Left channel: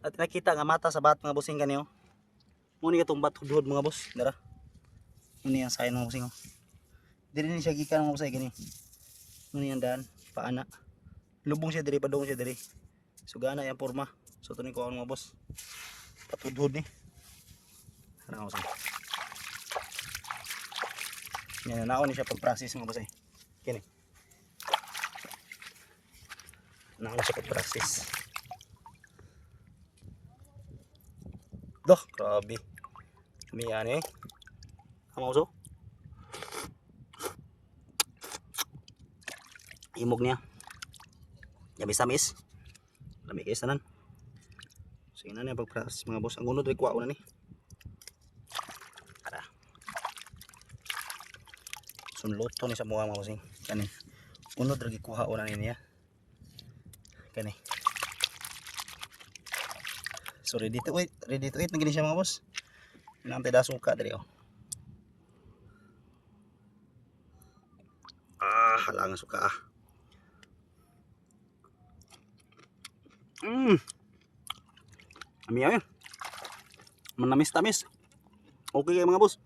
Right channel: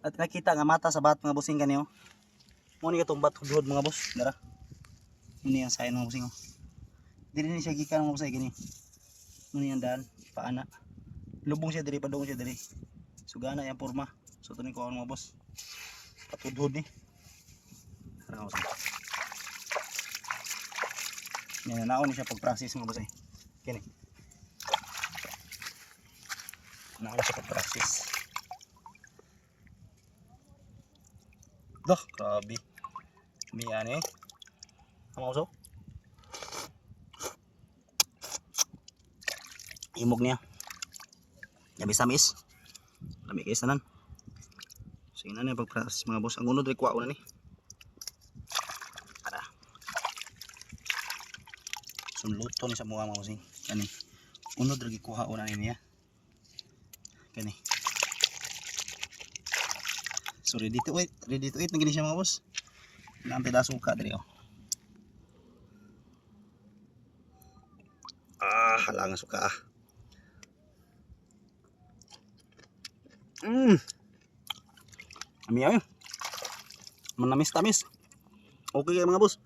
At nakita nga mata sa bat mga busing kaniyo. Mo ni katong bat hudhod mga boss. Dara. Muni ang sayon mga busing. oh. Dili ni siya gikan mga busay kani. Muni ang daan paana. Lubong siya diri padung siya diri. Sugana yang porma. So tunin ko mga boss. Patudhod ni. Ano mga busing. Yan, naon ni siya pag-practice mga busay. Kini. Naon siya pag-practice. Dah, grabe. May ano eh. Ang uso. Imog niya. Yabi samis. Lami kayo sanan. So yun na niya pag-practice mga boss. Ang unod rin kuha ko na ni. Tara. Sunluto ni sa mga mga bossing. Kani. Unod rin kuha na ni niya. Kani. So ready to eat, ready to eat na gini siya mga boss. Ilang pedaso ka dali oh. Ah, halang suka ah. Mm. Ami ay. Manamis tamis. Okay mga boss.